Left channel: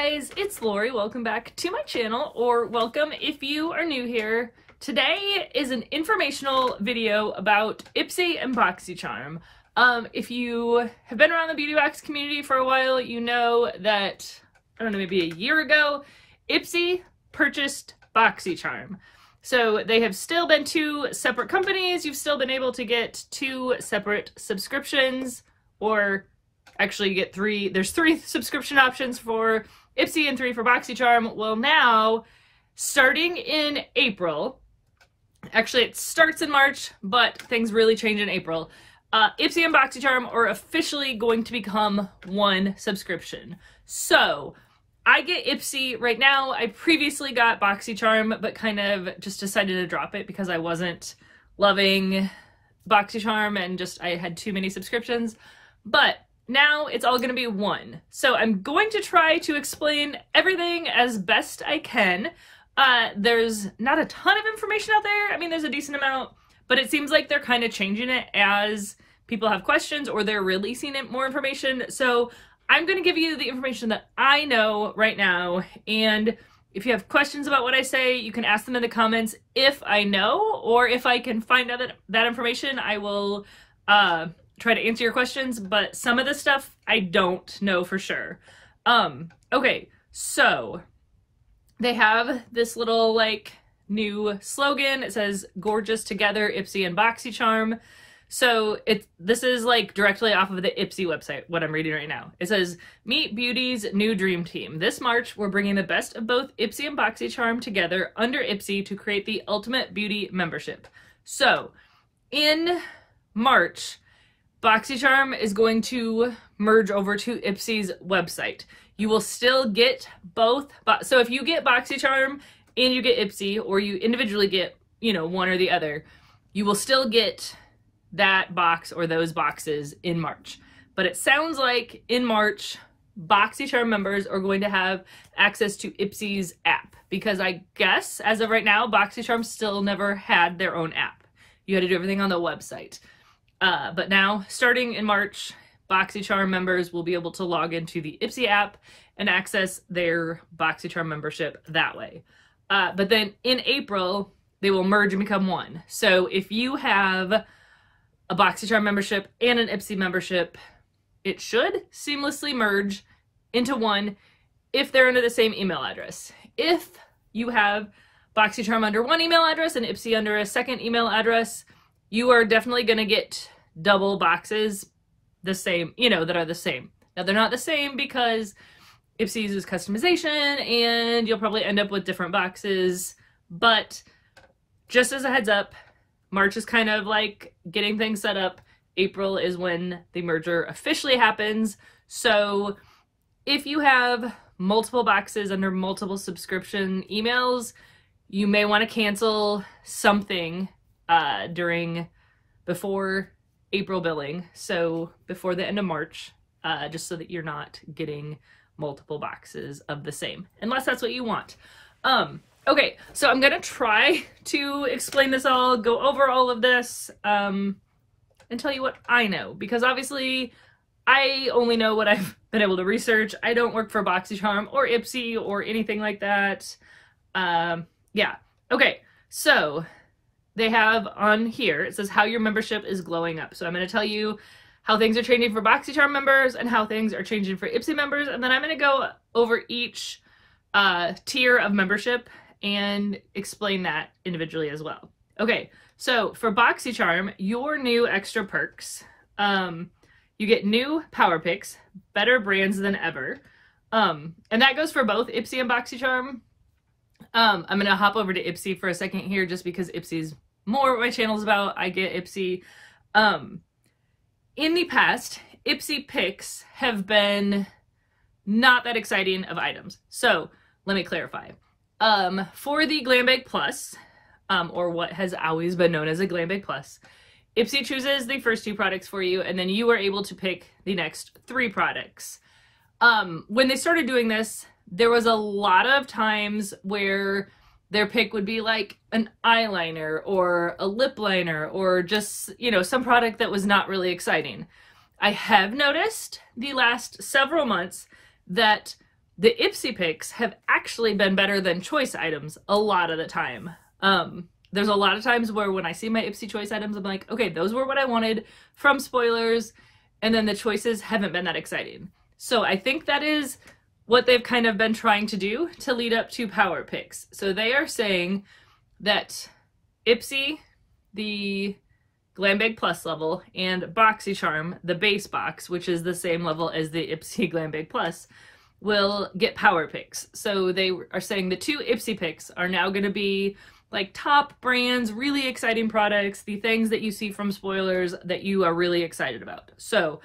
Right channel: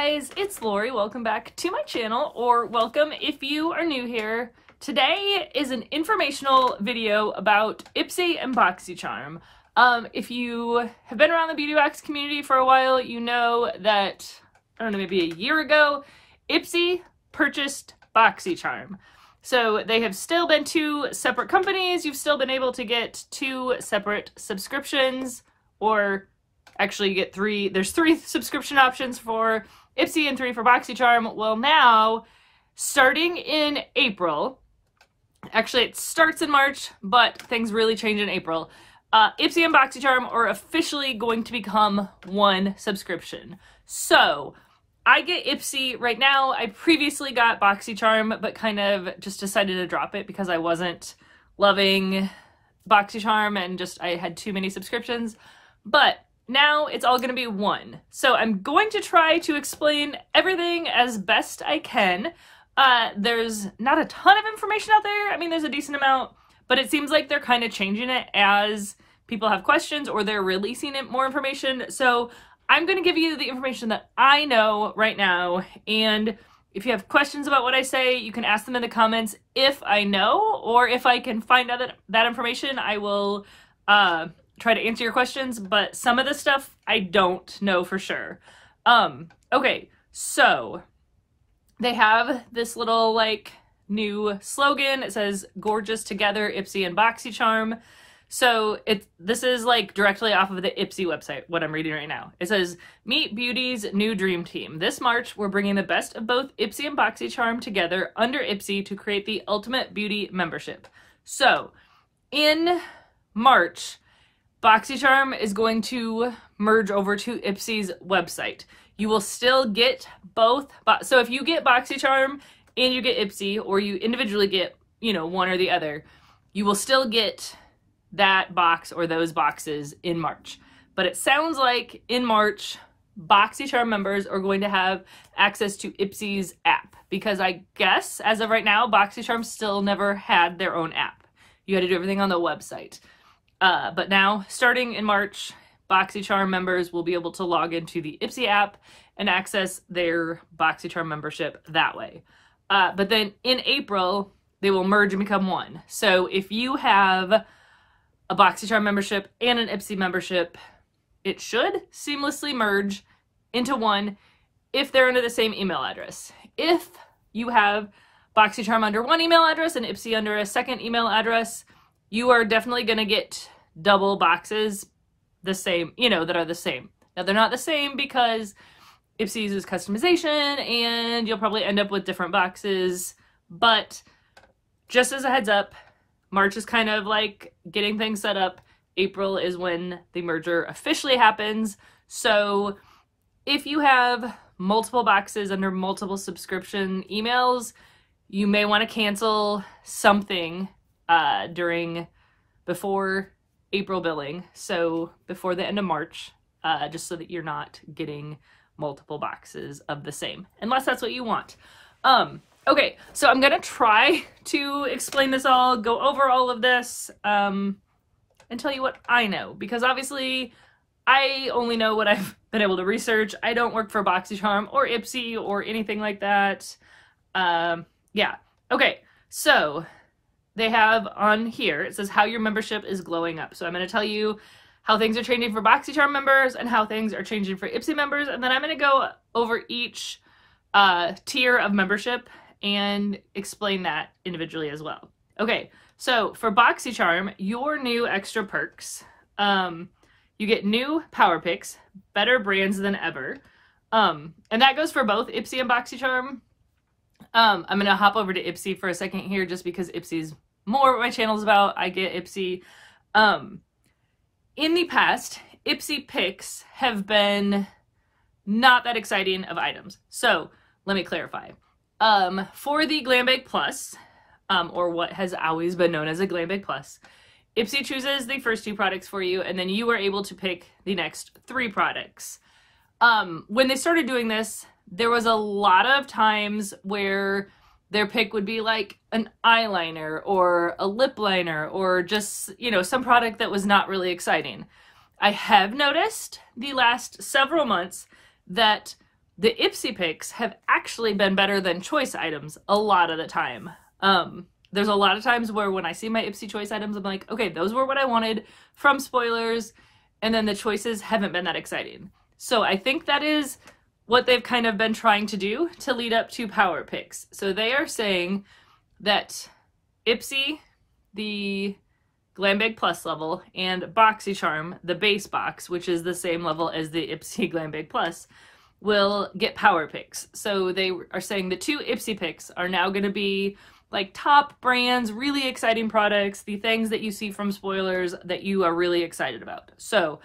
guys, it's Lori. Welcome back to my channel, or welcome if you are new here. Today is an informational video about Ipsy and BoxyCharm. If you have been around the beauty box community for a while, you know that, I don't know, maybe a year ago, Ipsy purchased BoxyCharm. So they have still been two separate companies. You've still been able to get two separate subscriptions, or actually you get three. There's three subscription options for Ipsy and three for BoxyCharm. Well, now, starting in April, actually it starts in March, but things really change in April. Ipsy and BoxyCharm are officially going to become one subscription. So I get Ipsy right now. I previously got BoxyCharm, but kind of just decided to drop it because I wasn't loving BoxyCharm and just I had too many subscriptions. But now it's all going to be one. So I'm going to try to explain everything as best I can. There's not a ton of information out there. I mean, there's a decent amount, but it seems like they're kind of changing it as people have questions or they're releasing it more information. So I'm going to give you the information that I know right now. And if you have questions about what I say, you can ask them in the comments if I know, or if I can find out that information, I will try to answer your questions, but some of this stuff I don't know for sure. Okay, so they have this little like new slogan. It says "Gorgeous Together, Ipsy and BoxyCharm." So this is like directly off of the Ipsy website, what I'm reading right now. It says, "Meet Beauty's new dream team. This March, we're bringing the best of both Ipsy and BoxyCharm together under Ipsy to create the ultimate beauty membership." So in March, BoxyCharm is going to merge over to Ipsy's website. You will still get both. So if you get BoxyCharm and you get Ipsy, or you individually get, you know, one or the other, you will still get that box or those boxes in March. But it sounds like in March, BoxyCharm members are going to have access to Ipsy's app, because I guess as of right now, BoxyCharm still never had their own app. You had to do everything on the website. But now, starting in March, BoxyCharm members will be able to log into the Ipsy app and access their BoxyCharm membership that way. But then in April, they will merge and become one. So if you have a BoxyCharm membership and an Ipsy membership, it should seamlessly merge into one if they're under the same email address. If you have BoxyCharm under one email address and Ipsy under a second email address, you are definitely going to get double boxes the same, you know, that are the same. Now, they're not the same because Ipsy uses customization and you'll probably end up with different boxes. But just as a heads up, March is kind of like getting things set up. April is when the merger officially happens. So if you have multiple boxes under multiple subscription emails, you may want to cancel something before April billing, so before the end of March, just so that you're not getting multiple boxes of the same, unless that's what you want. Okay, so I'm gonna try to explain this all, go over all of this, and tell you what I know, because obviously I only know what I've been able to research. I don't work for BoxyCharm or Ipsy or anything like that. Yeah, okay, so they have on here, it says how your membership is glowing up. So I'm going to tell you how things are changing for BoxyCharm members and how things are changing for Ipsy members. And then I'm going to go over each tier of membership and explain that individually as well. Okay, so for BoxyCharm, your new extra perks, you get new power picks, better brands than ever. And that goes for both Ipsy and BoxyCharm. I'm going to hop over to Ipsy for a second here, just because Ipsy's more what my channel's about. I get Ipsy. In the past, Ipsy picks have been not that exciting of items. So let me clarify. For the Glam Bag Plus, or what has always been known as a Glam Bag Plus, Ipsy chooses the first two products for you, and then you are able to pick the next three products. When they started doing this, there was a lot of times where their pick would be like an eyeliner or a lip liner or just, you know, some product that was not really exciting. I have noticed the last several months that the Ipsy picks have actually been better than choice items a lot of the time. There's a lot of times where when I see my Ipsy choice items, I'm like, okay, those were what I wanted from spoilers, and then the choices haven't been that exciting. So I think that is what they've kind of been trying to do to lead up to power picks. So they are saying that Ipsy, the Glam Bag Plus level, and BoxyCharm, the base box, which is the same level as the Ipsy Glam Bag Plus, will get power picks. So they are saying the 2 Ipsy picks are now going to be like top brands, really exciting products, the things that you see from spoilers that you are really excited about. So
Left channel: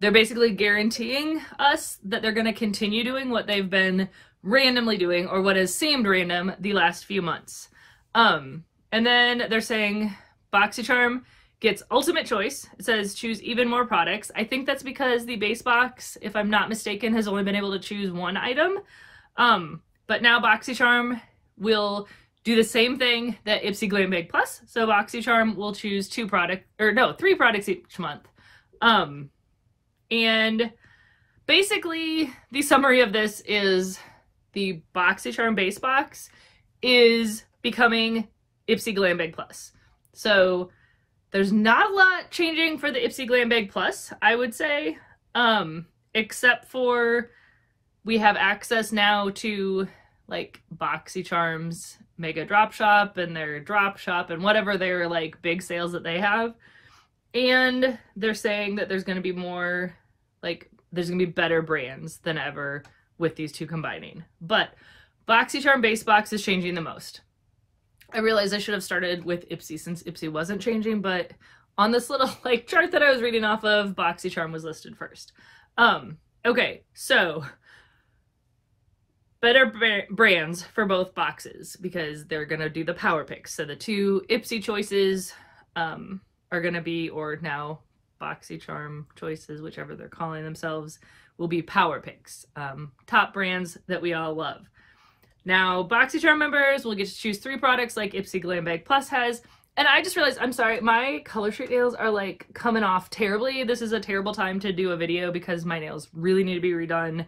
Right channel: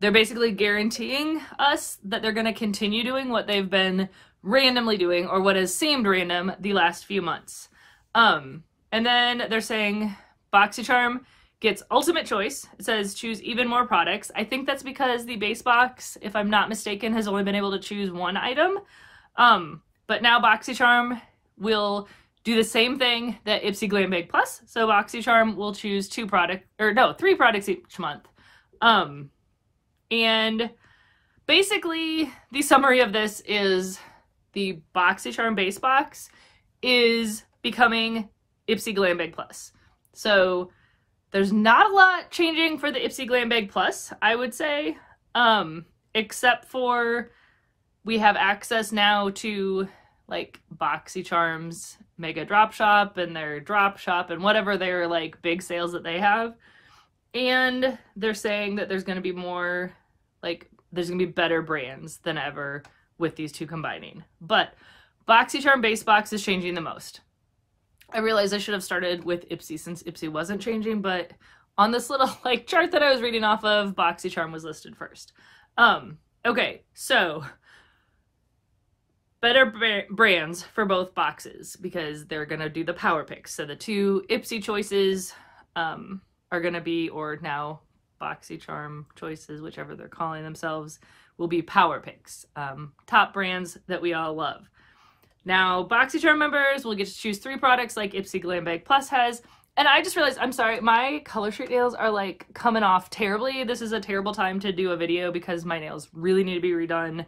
they're basically guaranteeing us that they're going to continue doing what they've been randomly doing, or what has seemed random the last few months. And then they're saying BoxyCharm gets ultimate choice. It says choose even more products. I think that's because the base box, if I'm not mistaken, has only been able to choose 1 item. But now BoxyCharm will do the same thing that Ipsy Glam Bag Plus. So BoxyCharm will choose 3 products each month. And basically the summary of this is the BoxyCharm base box is becoming Ipsy Glam Bag Plus. So there's not a lot changing for the Ipsy Glam Bag Plus, I would say, except for we have access now to like BoxyCharm's Mega Drop Shop and their Drop Shop and whatever their like big sales that they have. And they're saying that there's going to be more, like, there's going to be better brands than ever with these 2 combining. But BoxyCharm base box is changing the most. I realized I should have started with Ipsy since Ipsy wasn't changing, but on this little like chart that I was reading off of, BoxyCharm was listed first. Okay, so better brands for both boxes because they're going to do the power picks. So the 2 Ipsy choices are going to be, or now BoxyCharm choices, whichever they're calling themselves, will be power picks. Top brands that we all love. Now, BoxyCharm members will get to choose 3 products like Ipsy Glam Bag Plus has. And I just realized, I'm sorry, my color streak nails are like coming off terribly. This is a terrible time to do a video because my nails really need to be redone.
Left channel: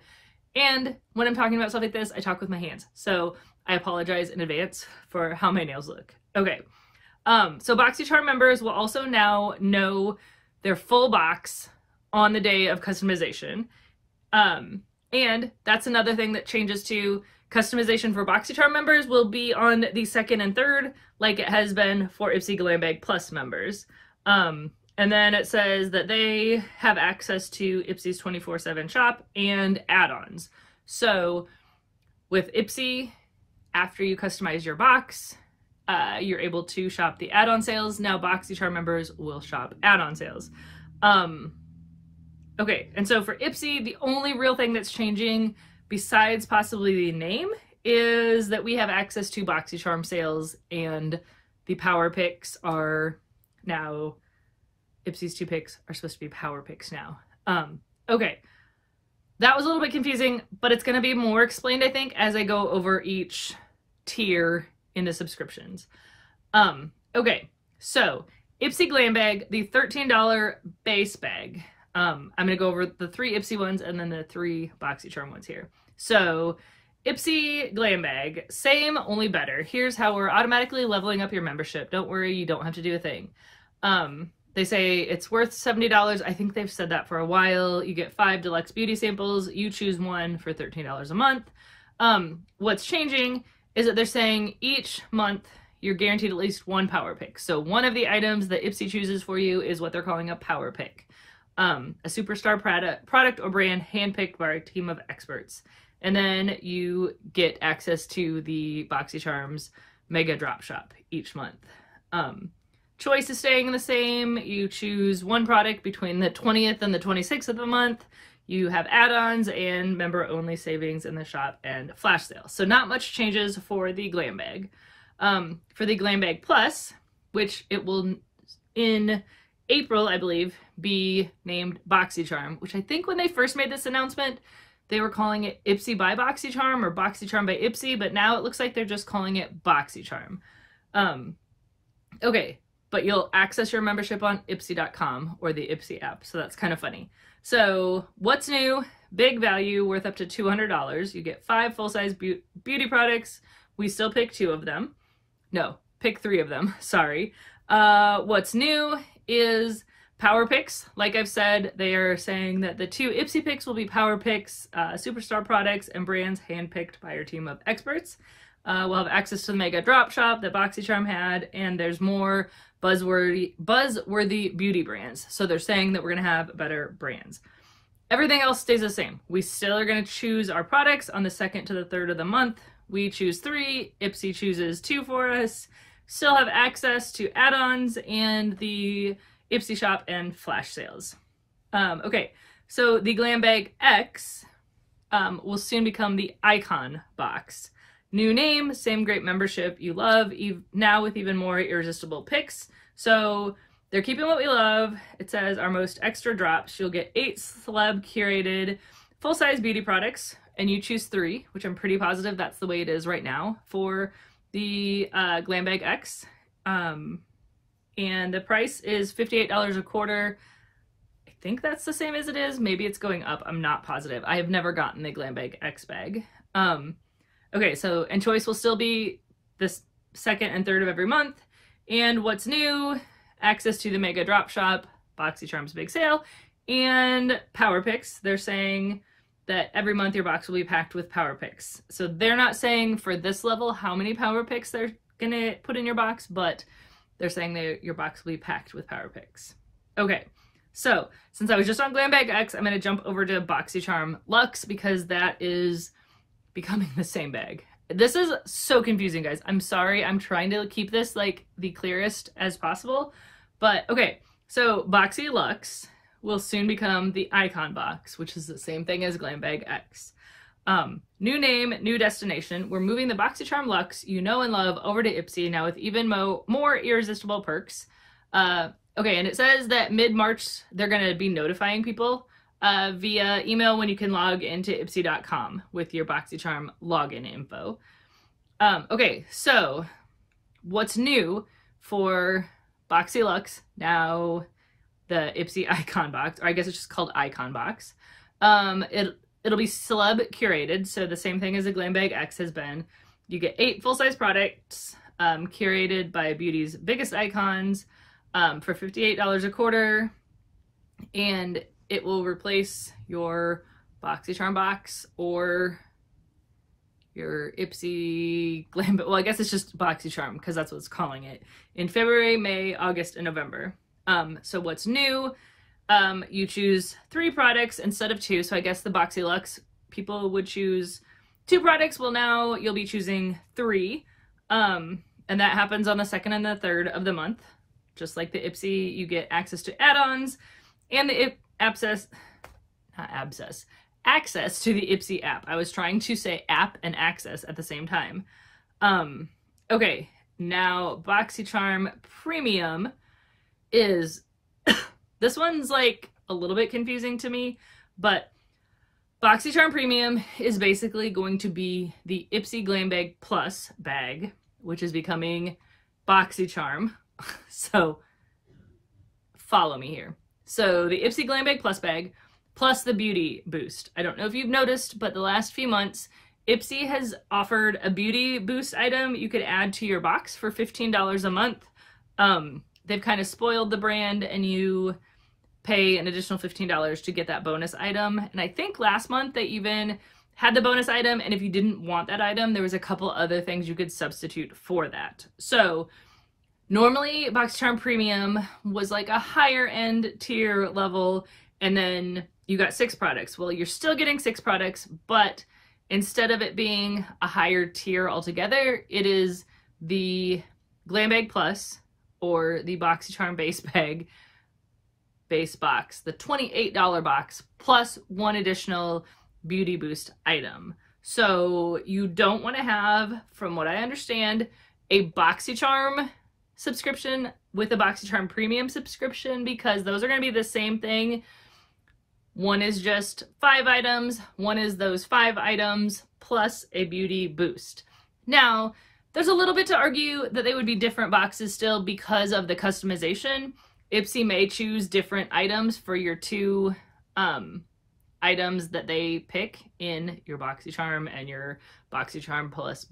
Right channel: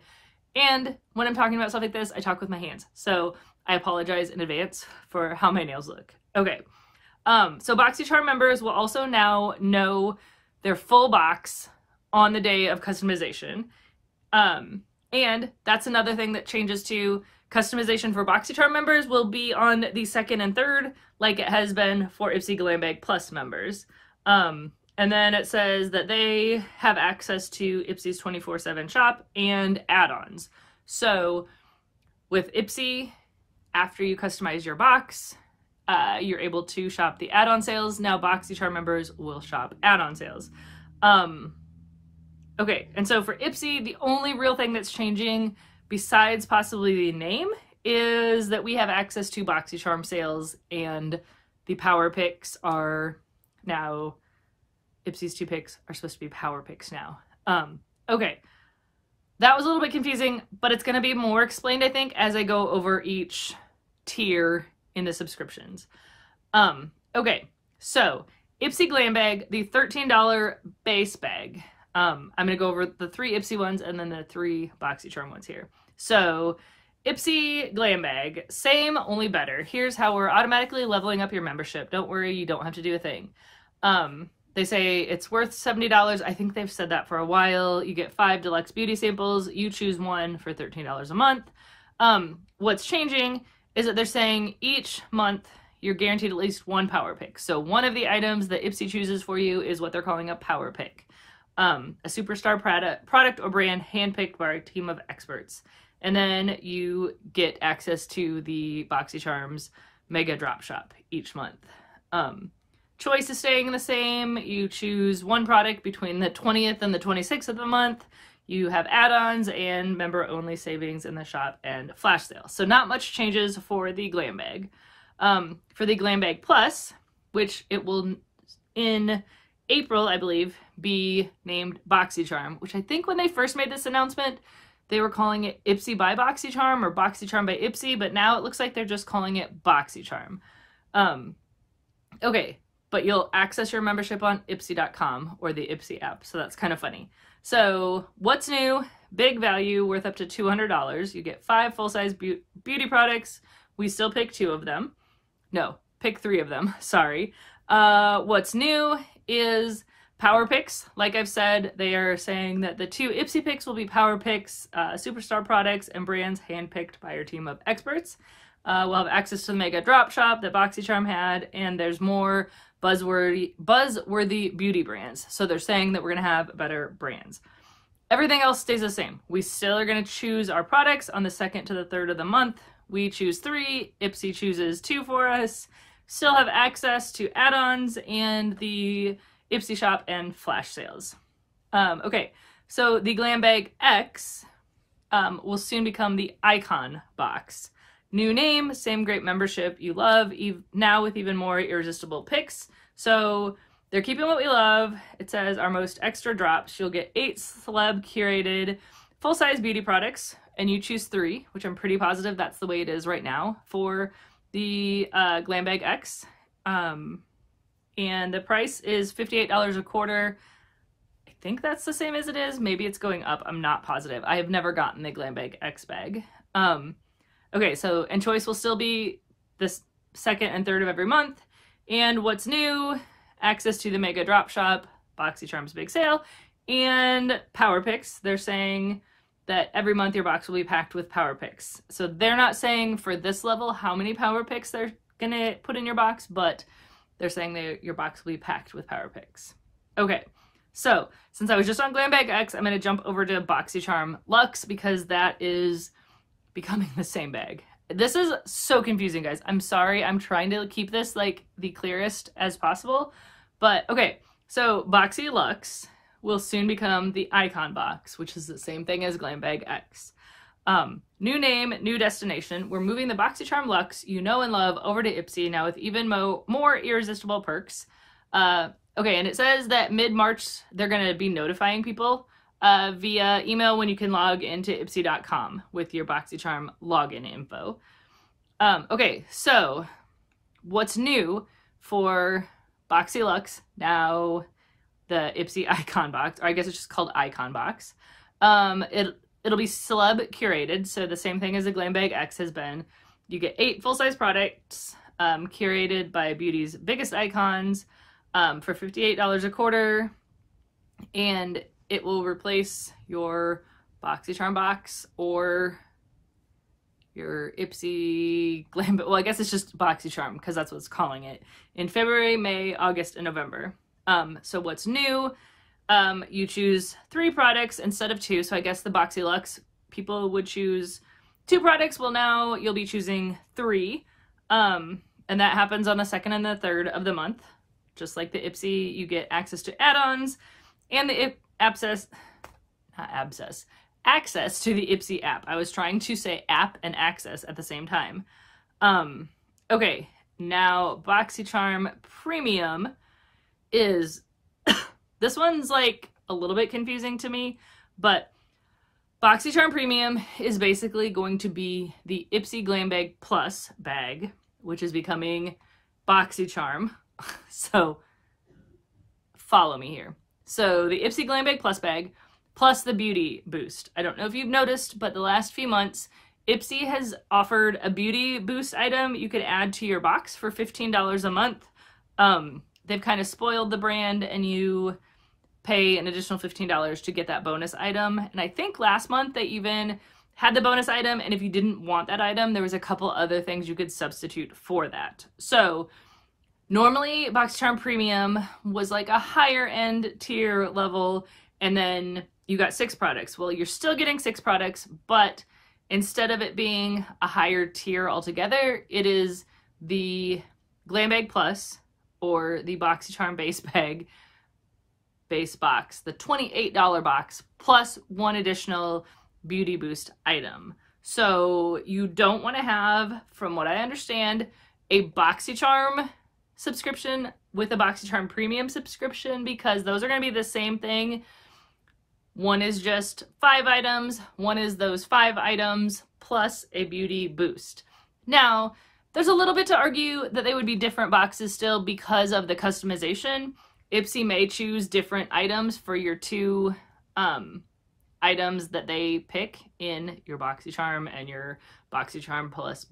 And when I'm talking about stuff like this, I talk with my hands. So I apologize in advance for how my nails look. Okay. So BoxyCharm members will also now know their full box on the day of customization. And that's another thing that changes to customization for BoxyCharm members will be on the 2nd and 3rd, like it has been for Ipsy Glam Bag Plus members. And then it says that they have access to Ipsy's 24/7 shop and add-ons. So with Ipsy, after you customize your box, you're able to shop the add-on sales. Now BoxyCharm members will shop add-on sales. Okay, and so for Ipsy, the only real thing that's changing besides possibly the name is that we have access to BoxyCharm sales, and the power picks are now, Ipsy's 2 picks are supposed to be power picks now. Okay, that was a little bit confusing, but it's going to be more explained, I think, as I go over each tier in the subscriptions. Okay, so Ipsy Glam Bag, the $13 base bag. I'm going to go over the 3 Ipsy ones and then the 3 BoxyCharm ones here. So Ipsy Glam Bag, same, only better. Here's how we're automatically leveling up your membership. Don't worry, you don't have to do a thing. They say it's worth $70. I think they've said that for a while. You get 5 deluxe beauty samples. You choose one for $13 a month. What's changing is that they're saying each month you're guaranteed at least 1 power pick. So one of the items that Ipsy chooses for you is what they're calling a power pick. A superstar product or brand handpicked by a team of experts. And then you get access to the BoxyCharm's Mega Drop Shop each month. Choice is staying the same. You choose 1 product between the 20th and the 26th of the month. You have add-ons and member-only savings in the shop and flash sale. So not much changes for the Glam Bag. For the Glam Bag Plus, which it will, in April, I believe, be named BoxyCharm, which I think when they first made this announcement, they were calling it Ipsy by BoxyCharm or BoxyCharm by Ipsy, but now it looks like they're just calling it BoxyCharm. Okay, but you'll access your membership on Ipsy.com or the Ipsy app, so that's kind of funny. So what's new? big value worth up to $200. You get 5 full-size beauty products. We still pick 2 of them. No, pick 3 of them, sorry. What's new is Power Picks. Like I've said, they are saying that the 2 Ipsy picks will be Power Picks, superstar products and brands handpicked by your team of experts. We'll have access to the mega drop shop that BoxyCharm had, and there's more buzzworthy beauty brands. So they're saying that we're gonna have better brands. Everything else stays the same. We still are gonna choose our products on the 2nd to the 3rd of the month. We choose 3, Ipsy chooses 2 for us. Still have access to add-ons and the Ipsy shop and flash sales. Okay, so the Glam Bag X will soon become the Icon Box. New name, same great membership you love, now with even more irresistible picks. So they're keeping what we love. It says our most extra drops. You'll get 8 celeb curated full-size beauty products, and you choose 3, which I'm pretty positive that's the way it is right now for the Glam Bag X. And the price is $58 a quarter. I think that's the same as it is. Maybe it's going up. I'm not positive. I have never gotten the Glam Bag X bag. Okay, so, and choice will still be the 2nd and 3rd of every month. And what's new, access to the mega drop shop, BoxyCharm's big sale, and Power Picks. They're saying that every month your box will be packed with Power Picks. So they're not saying for this level how many Power Picks they're gonna put in your box, but they're saying that your box will be packed with Power Picks. Okay, so since I was just on Glam Bag X, I'm gonna jump over to BoxyCharm Luxe because that is becoming the same bag. This is so confusing, guys. I'm sorry. I'm trying to keep this like the clearest as possible. But okay, so Boxy Luxe will soon become the Icon Box, which is the same thing as Glam Bag X. New name, new destination. We're moving the BoxyCharm Luxe you know and love over to Ipsy now with even more irresistible perks. Okay, and it says that mid-March they're going to be notifying people via email when you can log into ipsy.com with your BoxyCharm login info. Okay, so what's new for Boxy Luxe, now the Ipsy Icon Box, or I guess it's just called Icon Box. It'll be celeb curated, so the same thing as the Glam Bag X has been. You get 8 full-size products curated by beauty's biggest icons for $58 a quarter, and it will replace your BoxyCharm box or your Ipsy Glam Bag. Well, I guess it's just BoxyCharm because that's what it's calling it. In February, May, August, and November. So what's new? You choose 3 products instead of 2. So I guess the Boxy Luxe people would choose 2 products. Well, now you'll be choosing 3. And that happens on the 2nd and the 3rd of the month. Just like the Ipsy, you get access to add-ons and the access to the Ipsy app. I was trying to say app and access at the same time. Okay, now BoxyCharm Premium is, this one's like a little bit confusing to me, but BoxyCharm Premium is basically going to be the Ipsy Glam Bag Plus bag, which is becoming BoxyCharm. So follow me here. So the Ipsy Glam Bag Plus bag, plus the Beauty Boost. I don't know if you've noticed, but the last few months, Ipsy has offered a Beauty Boost item you could add to your box for $15 a month. They've kind of spoiled the brand, and you pay an additional $15 to get that bonus item. And I think last month they even had the bonus item, and if you didn't want that item, there was a couple other things you could substitute for that. So normally BoxyCharm Premium was like a higher end tier level, and then you got 6 products. Well, you're still getting 6 products, but instead of it being a higher tier altogether, it is the Glam Bag Plus or the BoxyCharm base box, the $28 box, plus 1 additional Beauty Boost item. So you don't want to have, from what I understand, a BoxyCharm subscription with a BoxyCharm Premium subscription, because those are going to be the same thing. One is just 5 items, one is those 5 items plus a Beauty Boost. Now, there's a little bit to argue that they would be different boxes still because of the customization. Ipsy may choose different items for your 2 items that they pick in your BoxyCharm and your BoxyCharm Plus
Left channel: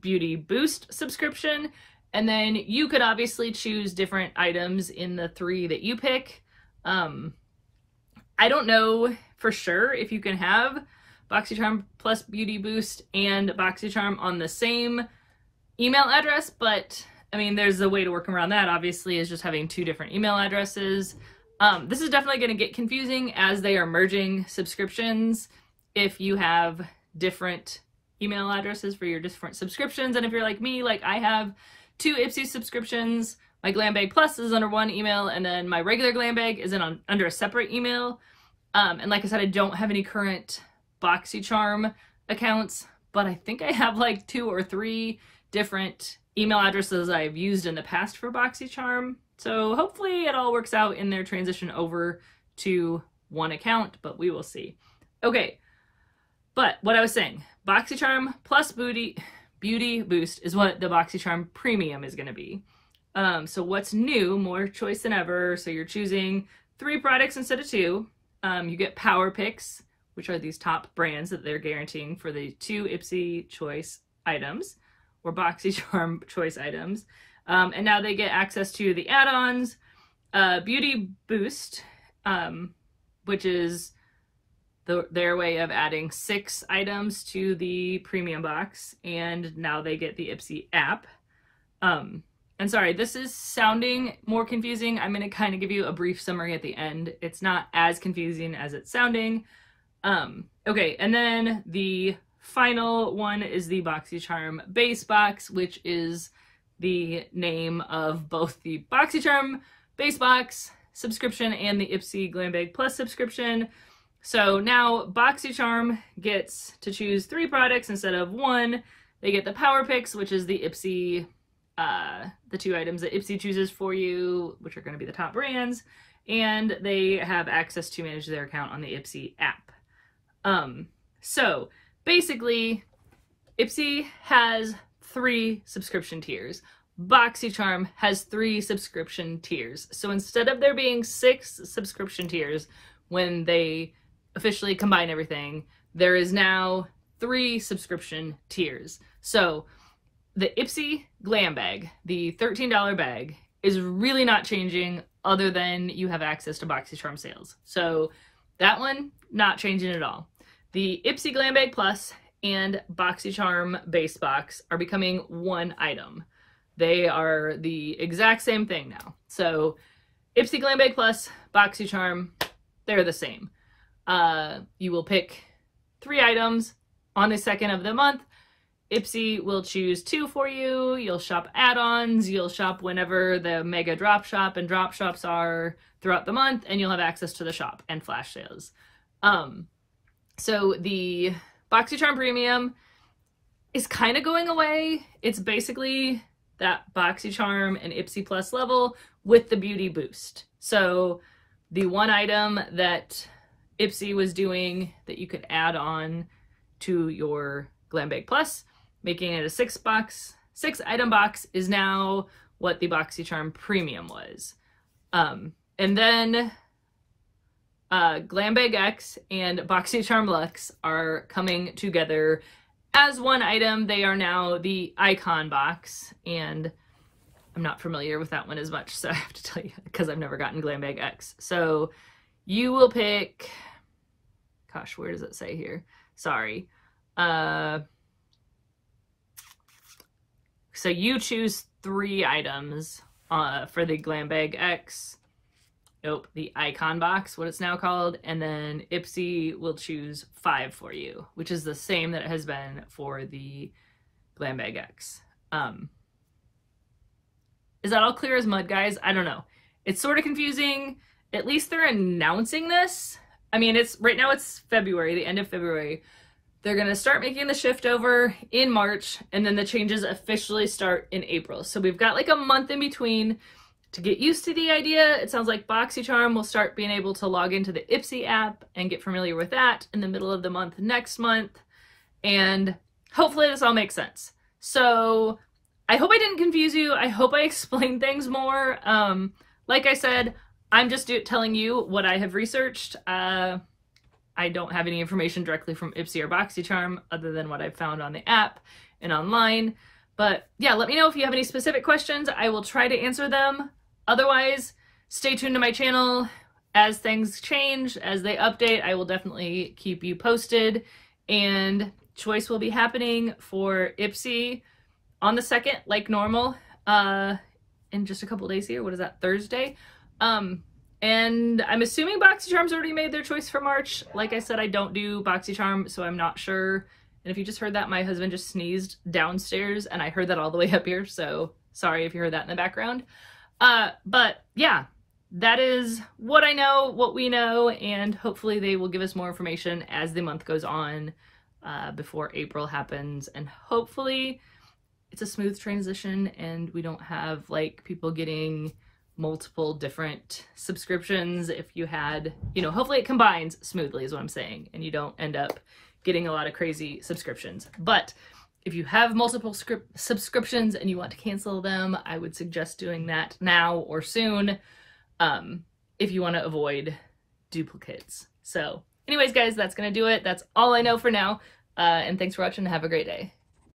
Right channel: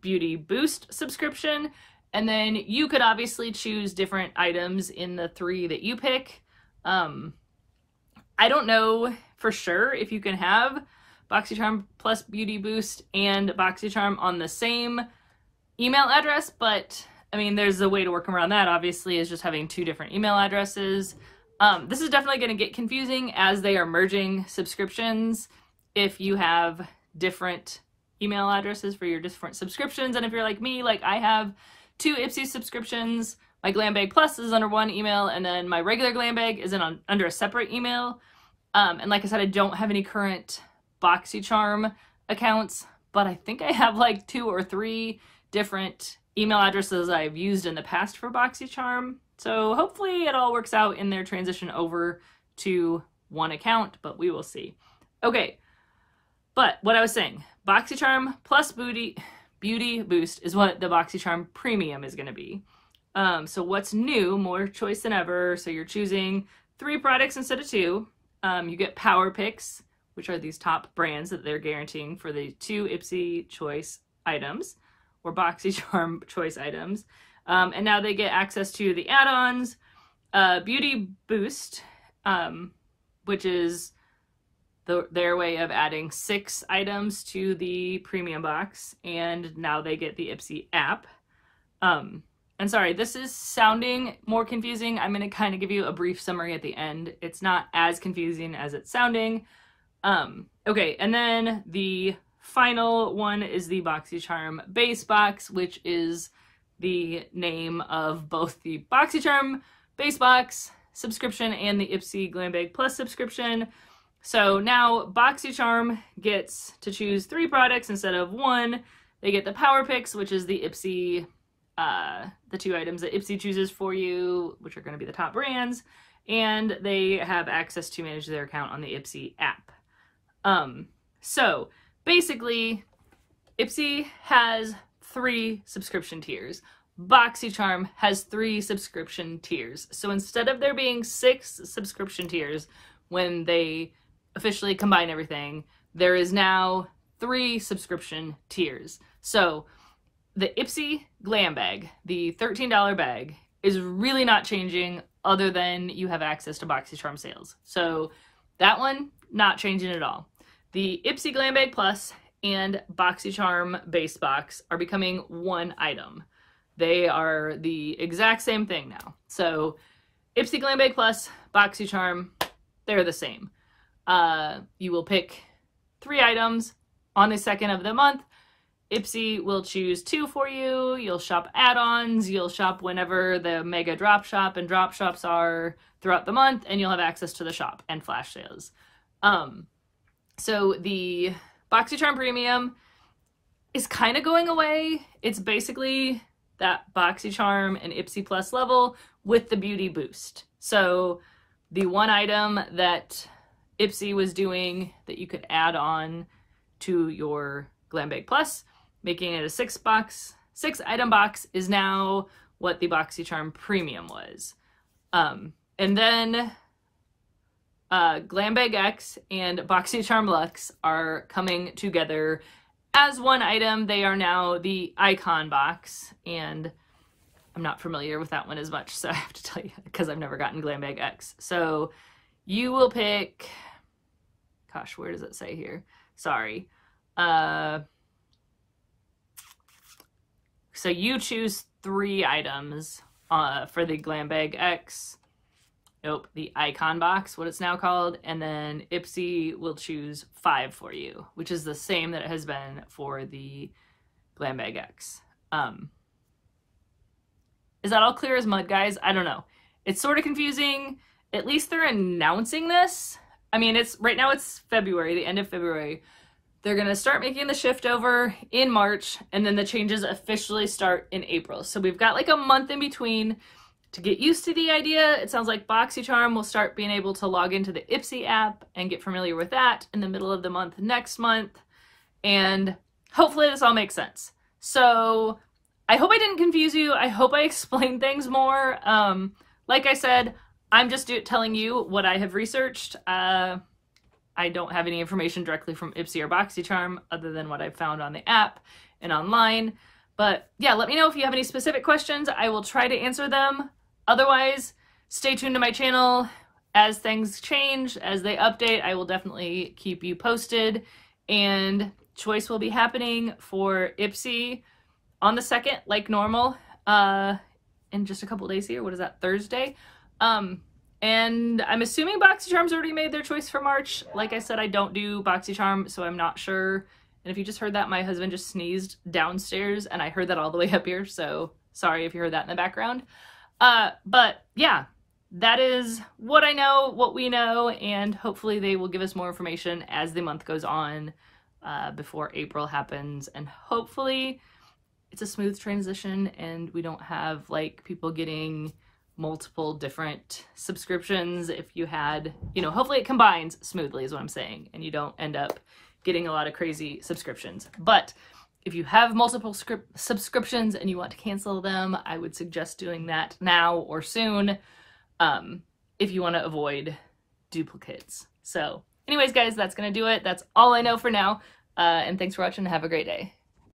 Beauty Boost subscription. And then you could obviously choose different items in the 3 that you pick. I don't know for sure if you can have BoxyCharm Plus Beauty Boost and BoxyCharm on the same email address, but I mean, there's a way to work around that, obviously, is just having 2 different email addresses. This is definitely going to get confusing as they are merging subscriptions if you have different email addresses for your different subscriptions. And if you're like me, like I have 2 Ipsy subscriptions, my Glam Bag Plus is under one email, and then my regular Glam Bag is under a separate email. And like I said, I don't have any current BoxyCharm accounts, but I think I have like 2 or 3 different email addresses I've used in the past for BoxyCharm. So hopefully it all works out in their transition over to one account, but we will see. Okay, but what I was saying, BoxyCharm Plus Beauty Boost is what the BoxyCharm Premium is going to be. So what's new, more choice than ever. So you're choosing 3 products instead of 2. You get Power Picks, which are these top brands that they're guaranteeing for the 2 Ipsy choice items or BoxyCharm choice items. And now they get access to the add-ons, Beauty Boost, which is their way of adding 6 items to the premium box, and now they get the Ipsy app. And sorry, this is sounding more confusing. I'm going to kind of give you a brief summary at the end. It's not as confusing as it's sounding. Okay, and then the final one is the BoxyCharm base box, which is the name of both the BoxyCharm base box subscription and the Ipsy Glam Bag Plus subscription. So now BoxyCharm gets to choose 3 products instead of 1. They get the Power Picks, which is the Ipsy, the 2 items that Ipsy chooses for you, which are going to be the top brands, and they have access to manage their account on the Ipsy app. So basically, Ipsy has 3 subscription tiers. BoxyCharm has 3 subscription tiers. So instead of there being 6 subscription tiers when they officially combine everything, there is now 3 subscription tiers. So the Ipsy Glam Bag, the $13 bag, is really not changing other than you have access to BoxyCharm sales. So that one, not changing at all. The Ipsy Glam Bag Plus and BoxyCharm base box are becoming one item. They are the exact same thing now. So Ipsy Glam Bag Plus, BoxyCharm, they're the same. You will pick 3 items on the 2nd of the month. Ipsy will choose 2 for you. You'll shop add-ons. You'll shop whenever the mega drop shop and drop shops are throughout the month, and you'll have access to the shop and flash sales. So the BoxyCharm Premium is kind of going away. It's basically that BoxyCharm and Ipsy Plus level with the Beauty Boost. So the one item that Ipsy was doing that you could add on to your Glam Bag Plus, making it a 6 item box, is now what the BoxyCharm Premium was. And then Glam Bag X and BoxyCharm Luxe are coming together as one item. They are now the Icon box, and I'm not familiar with that one as much, so I have to tell you, because I've never gotten Glam Bag X. So you will pick, gosh, where does it say here? Sorry. So you choose 3 items for the Glam Bag X. Nope, the Icon box, what it's now called, and then Ipsy will choose 5 for you, which is the same that it has been for the Glam Bag X. Is that all clear as mud, guys? I don't know. It's sort of confusing. At least they're announcing this. I mean, right now it's February, the end of February. They're going to start making the shift over in March, and then the changes officially start in April. So we've got like a month in between to get used to the idea. It sounds like BoxyCharm will start being able to log into the Ipsy app and get familiar with that in the middle of the month next month. And hopefully this all makes sense. So I hope I didn't confuse you. I hope I explained things more. Like I said, I'm just telling you what I have researched. I don't have any information directly from Ipsy or BoxyCharm other than what I've found on the app and online. But yeah, let me know if you have any specific questions. I will try to answer them. Otherwise, stay tuned to my channel. As things change, as they update, I will definitely keep you posted. And choice will be happening for Ipsy on the 2nd, like normal, in just a couple days here. What is that, Thursday? And I'm assuming BoxyCharm's already made their choice for March. Like I said, I don't do BoxyCharm, so I'm not sure. And if you just heard that, my husband just sneezed downstairs, and I heard that all the way up here, so sorry if you heard that in the background. But yeah, that is what I know, what we know, and hopefully they will give us more information as the month goes on, before April happens, and hopefully it's a smooth transition and we don't have like people getting multiple different subscriptions. If you had, you know, hopefully it combines smoothly is what I'm saying, and you don't end up getting a lot of crazy subscriptions. But if you have multiple subscriptions and you want to cancel them, I would suggest doing that now or soon, if you want to avoid duplicates. So anyways, guys, that's gonna do it. That's all I know for now. And thanks for watching and have a great day.